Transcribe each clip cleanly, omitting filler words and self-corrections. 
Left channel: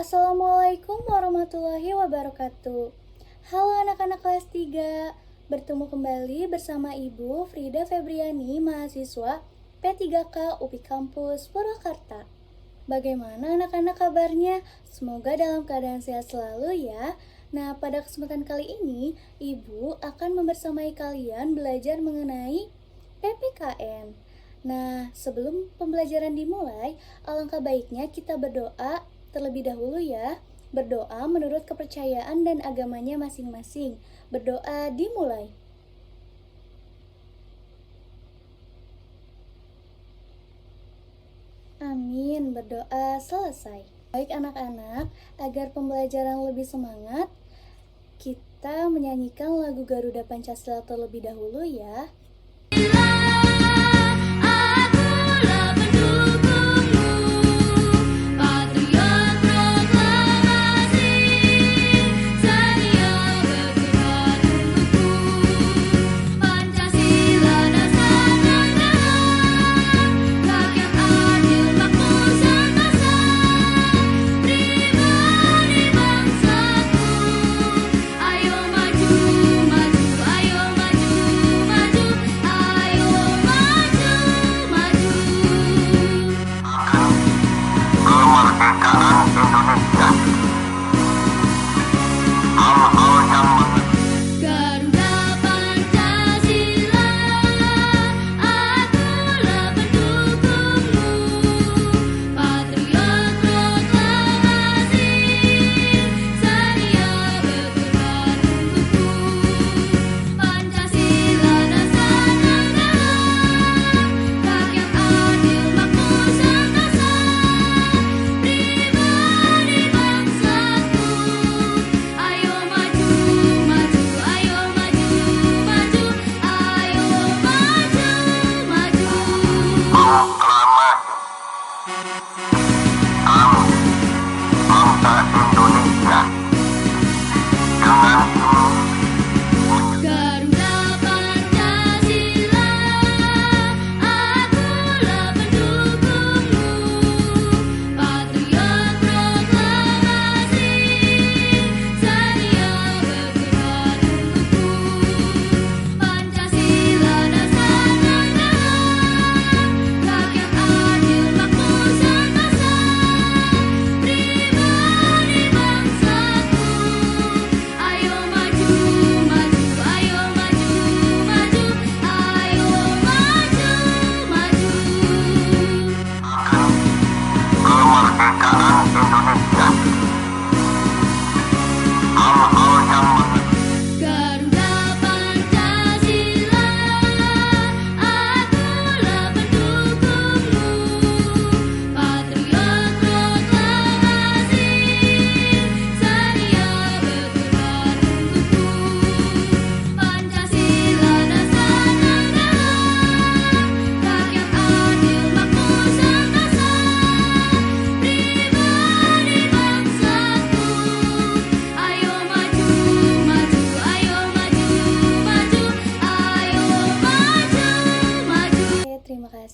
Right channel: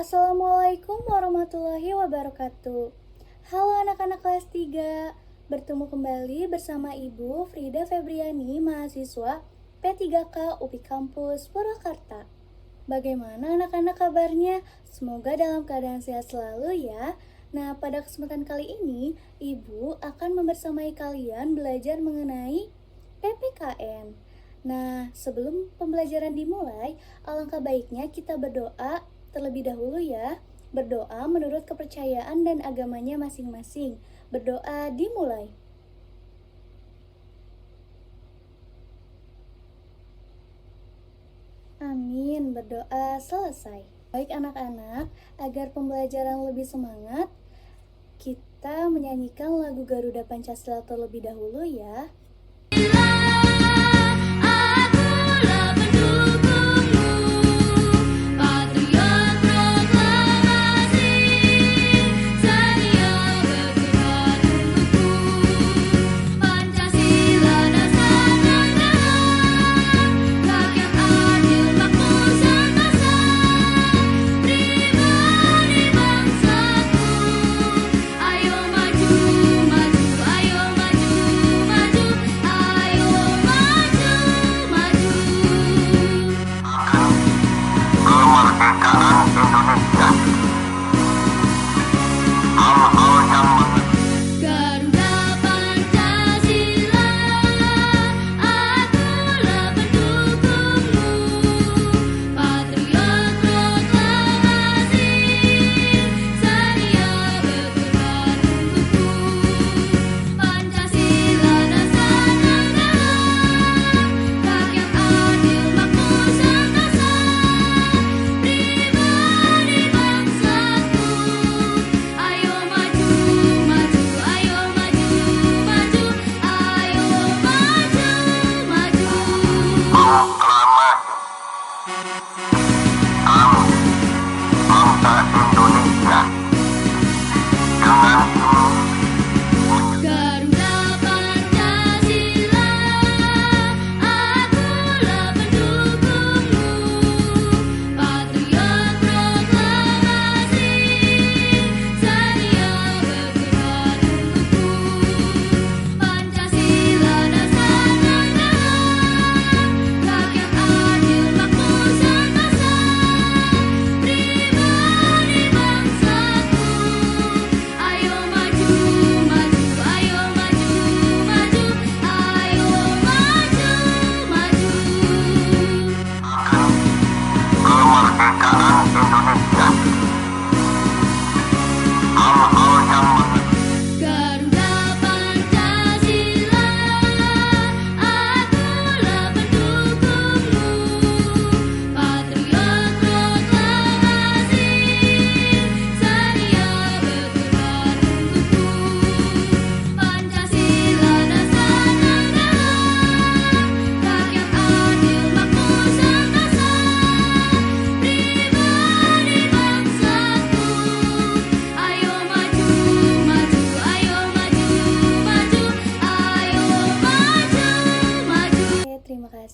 Assalamualaikum warahmatullahi wabarakatuh. Halo anak-anak kelas 3, bertemu kembali bersama Ibu Frida Febriani, mahasiswa P3K UPI Kampus Purwakarta. Bagaimana anak-anak kabarnya? Semoga dalam keadaan sehat selalu ya. Nah, pada kesempatan kali ini, Ibu akan membersamai kalian belajar mengenai PPKN. Nah, sebelum pembelajaran dimulai, alangkah baiknya kita berdoa terlebih dahulu ya. Berdoa menurut kepercayaan dan agamanya masing-masing. Berdoa dimulai. Amin, berdoa selesai. Baik anak-anak, agar pembelajaran lebih semangat, kita menyanyikan lagu Garuda Pancasila terlebih dahulu ya.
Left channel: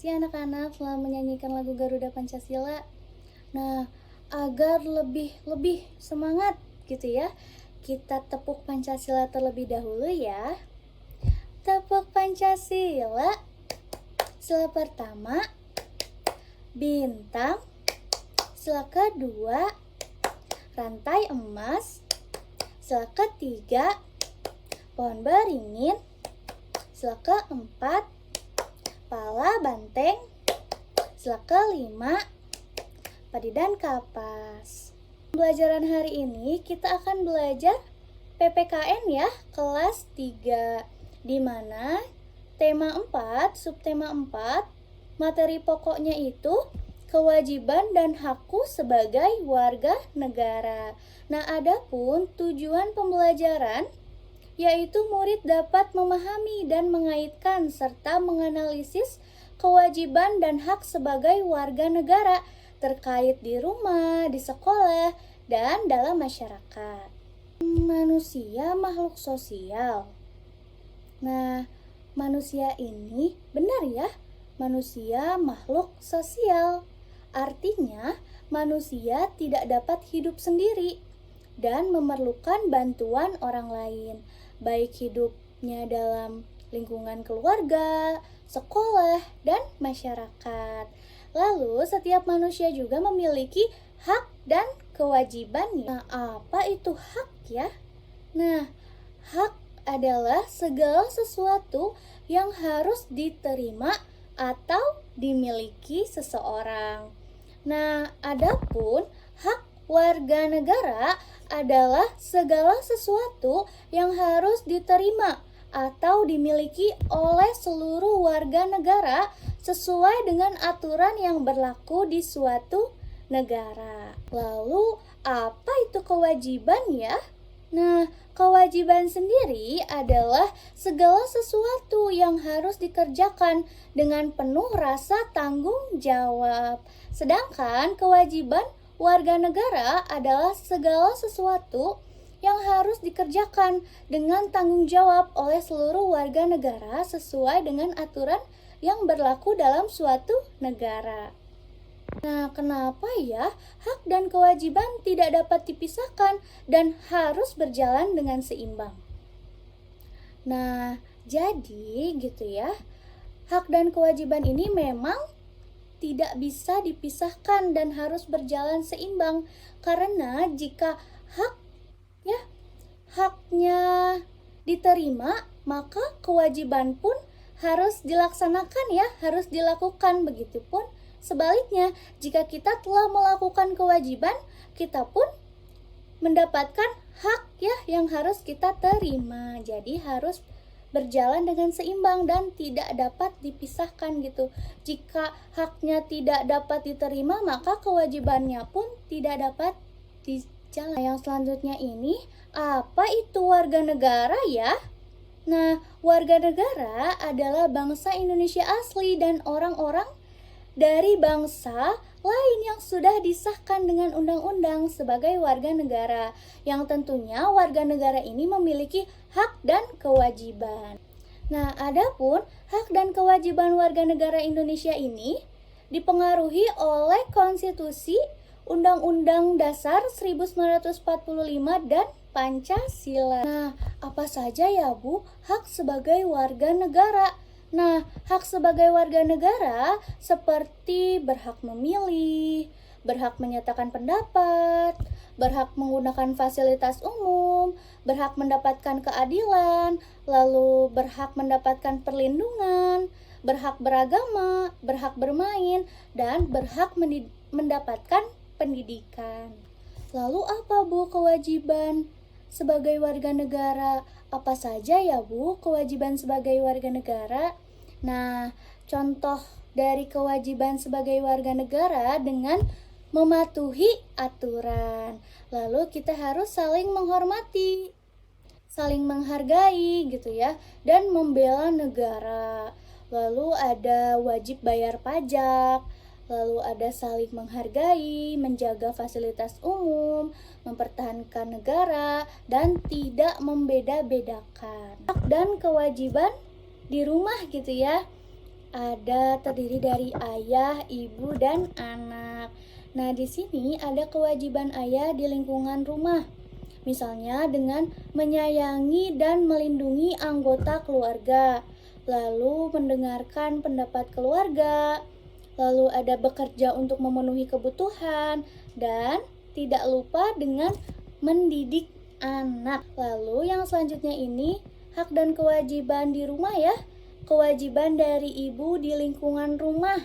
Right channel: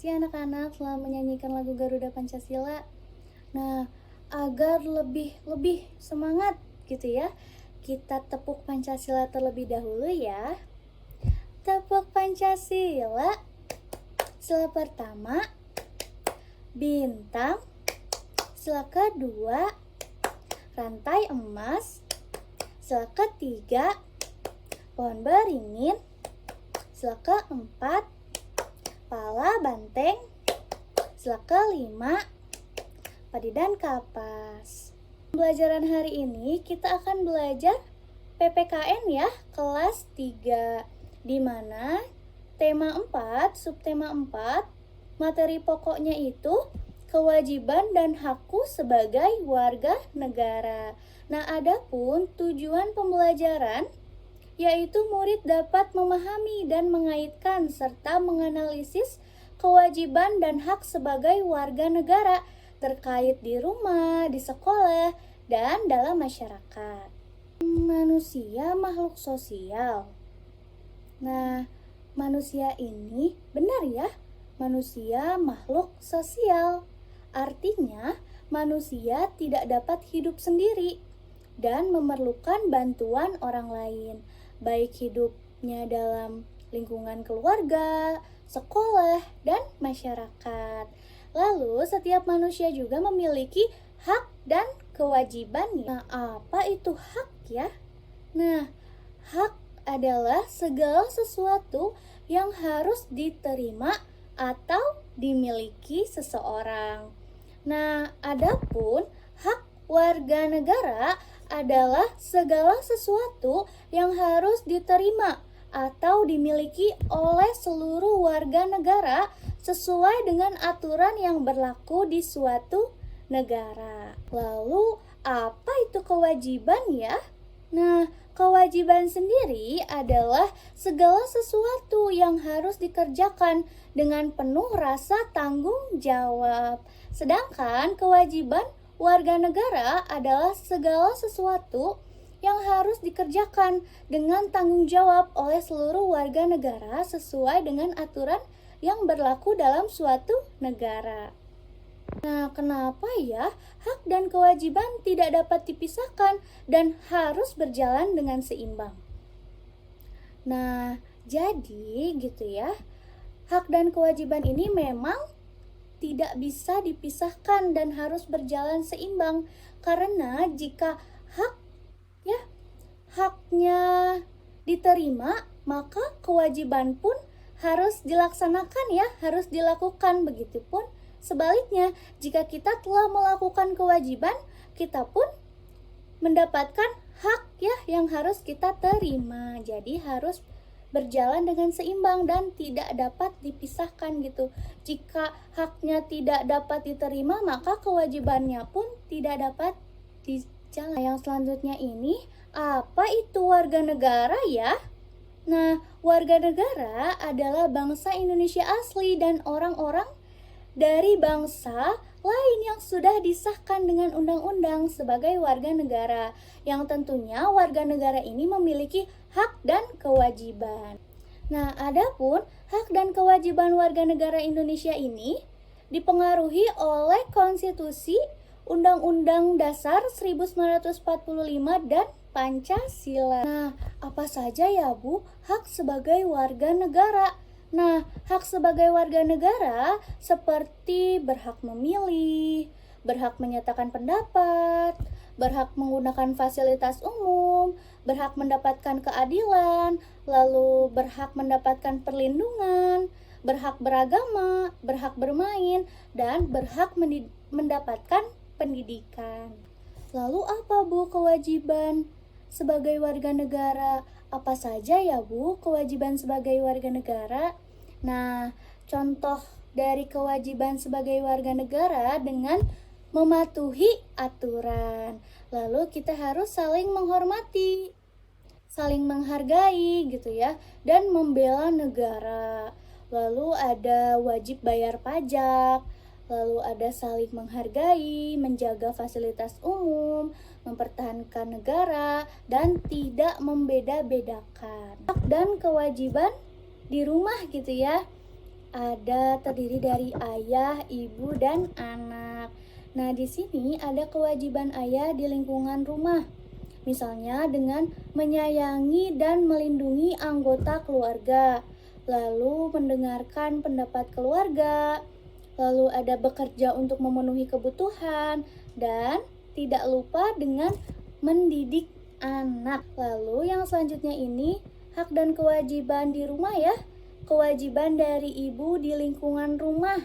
Anak-anak selalu menyanyikan lagu Garuda Pancasila. Nah, agar lebih semangat gitu ya, kita tepuk Pancasila terlebih dahulu ya. Tepuk Pancasila. Sila pertama bintang, sila kedua rantai emas, sila ketiga pohon beringin, sila keempat pala banteng, sila kelima padi dan kapas. Pembelajaran hari ini kita akan belajar PPKN ya, kelas 3, di mana tema 4, subtema 4, materi pokoknya itu kewajiban dan hakku sebagai warga negara. Nah, adapun tujuan pembelajaran yaitu murid dapat memahami dan mengaitkan serta menganalisis kewajiban dan hak sebagai warga negara terkait di rumah, di sekolah, dan dalam masyarakat. Manusia makhluk sosial. Nah, manusia ini benar ya, manusia makhluk sosial. Artinya, manusia tidak dapat hidup sendiri dan memerlukan bantuan orang lain, baik hidupnya dalam lingkungan keluarga, sekolah, dan masyarakat. Lalu, setiap manusia juga memiliki hak dan kewajibannya. Nah, apa itu hak ya? Nah, hak adalah segala sesuatu yang harus diterima atau dimiliki seseorang. Nah, adapun hak warga negara adalah segala sesuatu yang harus diterima atau dimiliki oleh seluruh warga negara sesuai dengan aturan yang berlaku di suatu negara. Lalu, apa itu kewajiban ya? Nah, kewajiban sendiri adalah segala sesuatu yang harus dikerjakan dengan penuh rasa tanggung jawab. Sedangkan kewajiban warga negara adalah segala sesuatu yang harus dikerjakan dengan tanggung jawab oleh seluruh warga negara sesuai dengan aturan yang berlaku dalam suatu negara. Nah, kenapa ya hak dan kewajiban tidak dapat dipisahkan dan harus berjalan dengan seimbang? Nah, jadi gitu ya, hak dan kewajiban ini memang tidak bisa dipisahkan dan harus berjalan seimbang, karena jika haknya diterima, maka kewajiban pun harus dilaksanakan ya, harus dilakukan. Begitupun sebaliknya, jika kita telah melakukan kewajiban, kita pun mendapatkan hak ya yang harus kita terima. Jadi harus berjalan dengan seimbang dan tidak dapat dipisahkan gitu. Jika haknya tidak dapat diterima, maka kewajibannya pun tidak dapat dijalankan. Yang selanjutnya ini, apa itu warga negara ya? Nah, warga negara adalah bangsa Indonesia asli dan orang-orang dari bangsa lain yang sudah disahkan dengan undang-undang sebagai warga negara, yang tentunya warga negara ini memiliki hak dan kewajiban. Nah, adapun hak dan kewajiban warga negara Indonesia ini dipengaruhi oleh Konstitusi, Undang-Undang Dasar 1945 dan Pancasila. Nah, apa saja ya Bu hak sebagai warga negara? Nah, hak sebagai warga negara seperti berhak memilih, berhak menyatakan pendapat, berhak menggunakan fasilitas umum, berhak mendapatkan keadilan, lalu berhak mendapatkan perlindungan, berhak beragama, berhak bermain, dan berhak mendapatkan pendidikan. Lalu apa Bu kewajiban sebagai warga negara? Apa saja ya Bu kewajiban sebagai warga negara? Nah, contoh dari kewajiban sebagai warga negara dengan mematuhi aturan. Lalu kita harus saling menghormati, saling menghargai gitu ya, dan membela negara. Lalu ada wajib bayar pajak, lalu ada saling menghargai, menjaga fasilitas umum, mempertahankan negara, dan tidak membeda-bedakan. Hak dan kewajiban di rumah gitu ya, ada terdiri dari ayah, ibu, dan anak. Nah, di sini ada kewajiban ayah di lingkungan rumah. Misalnya dengan menyayangi dan melindungi anggota keluarga, lalu mendengarkan pendapat keluarga, lalu ada bekerja untuk memenuhi kebutuhan, dan tidak lupa dengan mendidik anak. Lalu yang selanjutnya ini hak dan kewajiban di rumah ya. Kewajiban dari ibu di lingkungan rumah,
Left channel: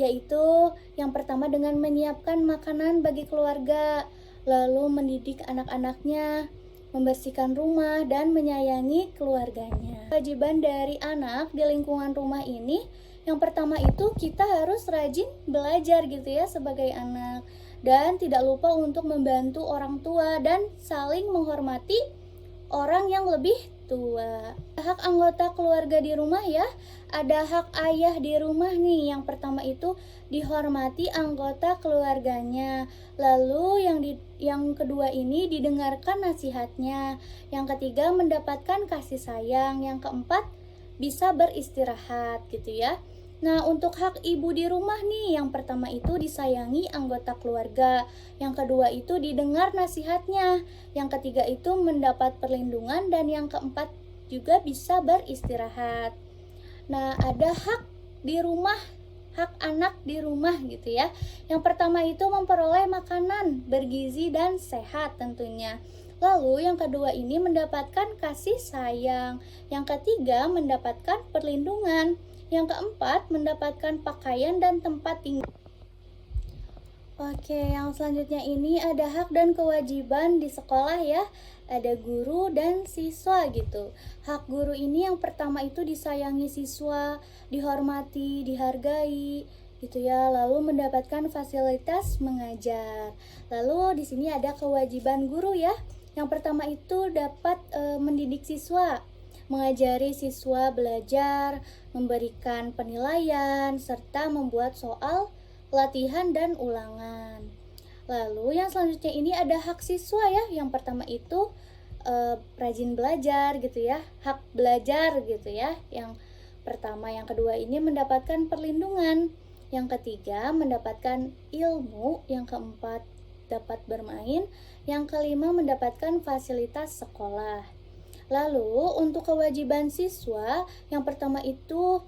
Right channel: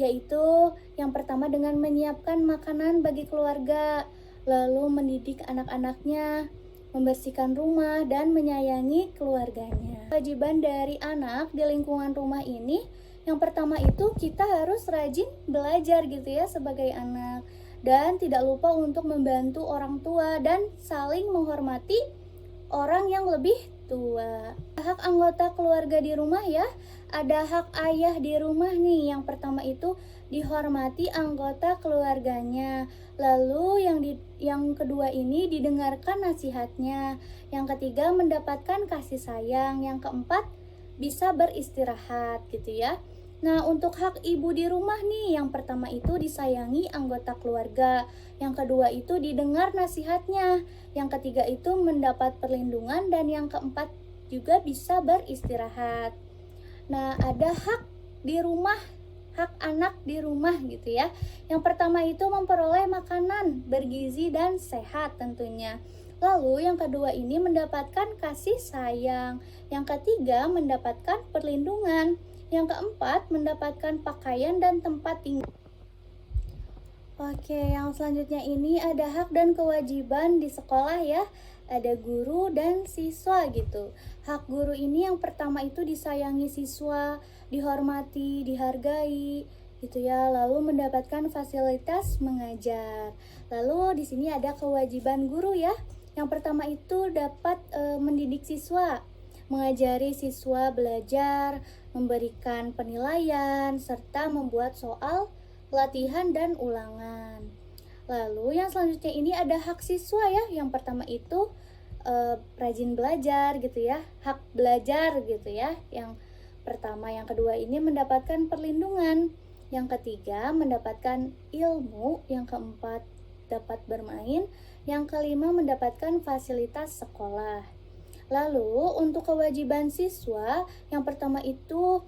yaitu yang pertama dengan menyiapkan makanan bagi keluarga, lalu mendidik anak-anaknya, membersihkan rumah, dan menyayangi keluarganya. Kewajiban dari anak di lingkungan rumah ini, yang pertama itu kita harus rajin belajar gitu ya sebagai anak, dan tidak lupa untuk membantu orang tua dan saling menghormati orang yang lebih tua. Hak anggota keluarga di rumah ya, ada hak ayah di rumah nih. Yang pertama itu dihormati anggota keluarganya. Lalu yang kedua ini didengarkan nasihatnya. Yang ketiga mendapatkan kasih sayang. Yang keempat bisa beristirahat gitu ya. Nah, untuk hak ibu di rumah nih, yang pertama itu disayangi anggota keluarga, yang kedua itu didengar nasihatnya, yang ketiga itu mendapat perlindungan, dan yang keempat juga bisa beristirahat. Nah, ada hak di rumah, hak anak di rumah gitu ya. Yang pertama itu memperoleh makanan bergizi dan sehat tentunya. Lalu yang kedua ini mendapatkan kasih sayang. Yang ketiga mendapatkan perlindungan. Yang keempat mendapatkan pakaian dan tempat tinggal. Oke, yang selanjutnya ini ada hak dan kewajiban di sekolah ya. Ada guru dan siswa gitu. Hak guru ini yang pertama itu disayangi siswa, dihormati, dihargai gitu ya. Lalu mendapatkan fasilitas mengajar. Lalu di sini ada kewajiban guru ya. Yang pertama itu dapat mendidik siswa, mengajari siswa belajar, memberikan penilaian, serta membuat soal latihan dan ulangan. Lalu yang selanjutnya ini ada hak siswa ya. Yang pertama itu rajin belajar gitu ya, hak belajar gitu ya. Yang pertama, yang kedua ini mendapatkan perlindungan. Yang ketiga mendapatkan ilmu. Yang keempat dapat bermain. Yang kelima mendapatkan fasilitas sekolah. Lalu untuk kewajiban siswa, yang pertama itu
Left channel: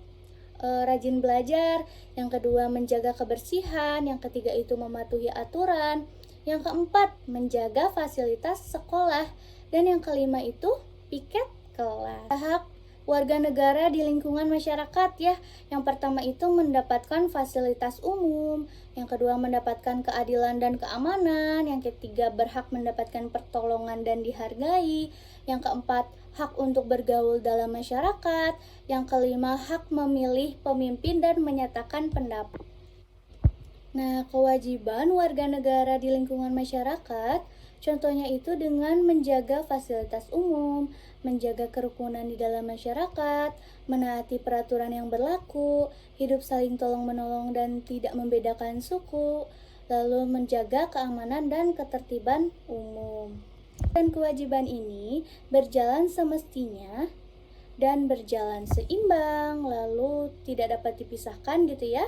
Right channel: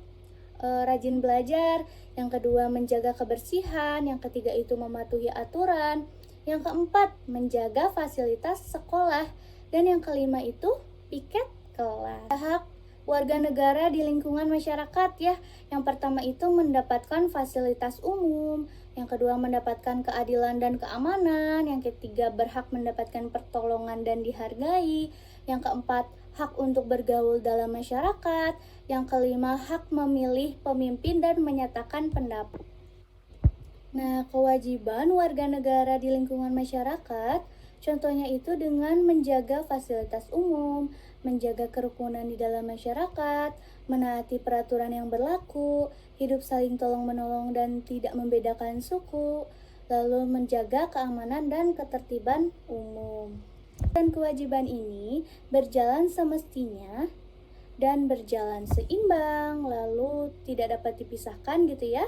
rajin belajar, yang kedua menjaga kebersihan, yang ketiga itu mematuhi aturan, yang keempat menjaga fasilitas sekolah, dan yang kelima itu piket kelas. Hak warga negara di lingkungan masyarakat ya. Yang pertama itu mendapatkan fasilitas umum, yang kedua mendapatkan keadilan dan keamanan, yang ketiga berhak mendapatkan pertolongan dan dihargai, yang keempat hak untuk bergaul dalam masyarakat, yang kelima hak memilih pemimpin dan menyatakan pendapat. Nah, kewajiban warga negara di lingkungan masyarakat contohnya itu dengan menjaga fasilitas umum, menjaga kerukunan di dalam masyarakat, menaati peraturan yang berlaku, hidup saling tolong-menolong dan tidak membedakan suku, lalu menjaga keamanan dan ketertiban umum. Dan kewajiban ini berjalan semestinya dan berjalan seimbang, lalu tidak dapat dipisahkan gitu ya.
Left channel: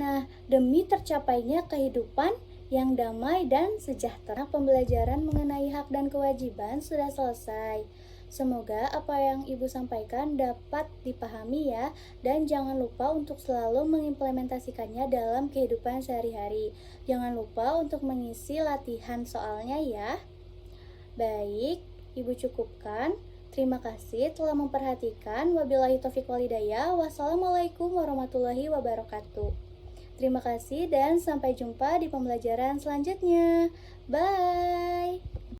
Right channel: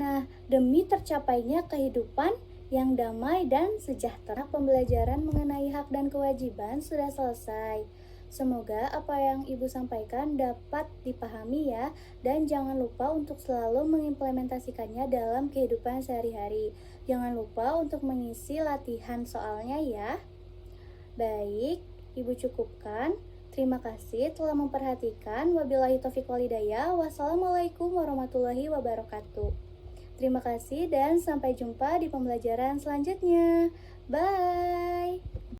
Nah, demi tercapainya kehidupan yang damai dan sejahtera. Pembelajaran mengenai hak dan kewajiban sudah selesai. Semoga apa yang Ibu sampaikan dapat dipahami ya, dan jangan lupa untuk selalu mengimplementasikannya dalam kehidupan sehari-hari. Jangan lupa untuk mengisi latihan soalnya ya. Baik, Ibu cukupkan. Terima kasih telah memperhatikan. Wabillahi taufiq walhidayah. Wassalamualaikum warahmatullahi wabarakatuh. Terima kasih dan sampai jumpa di pembelajaran selanjutnya. Bye.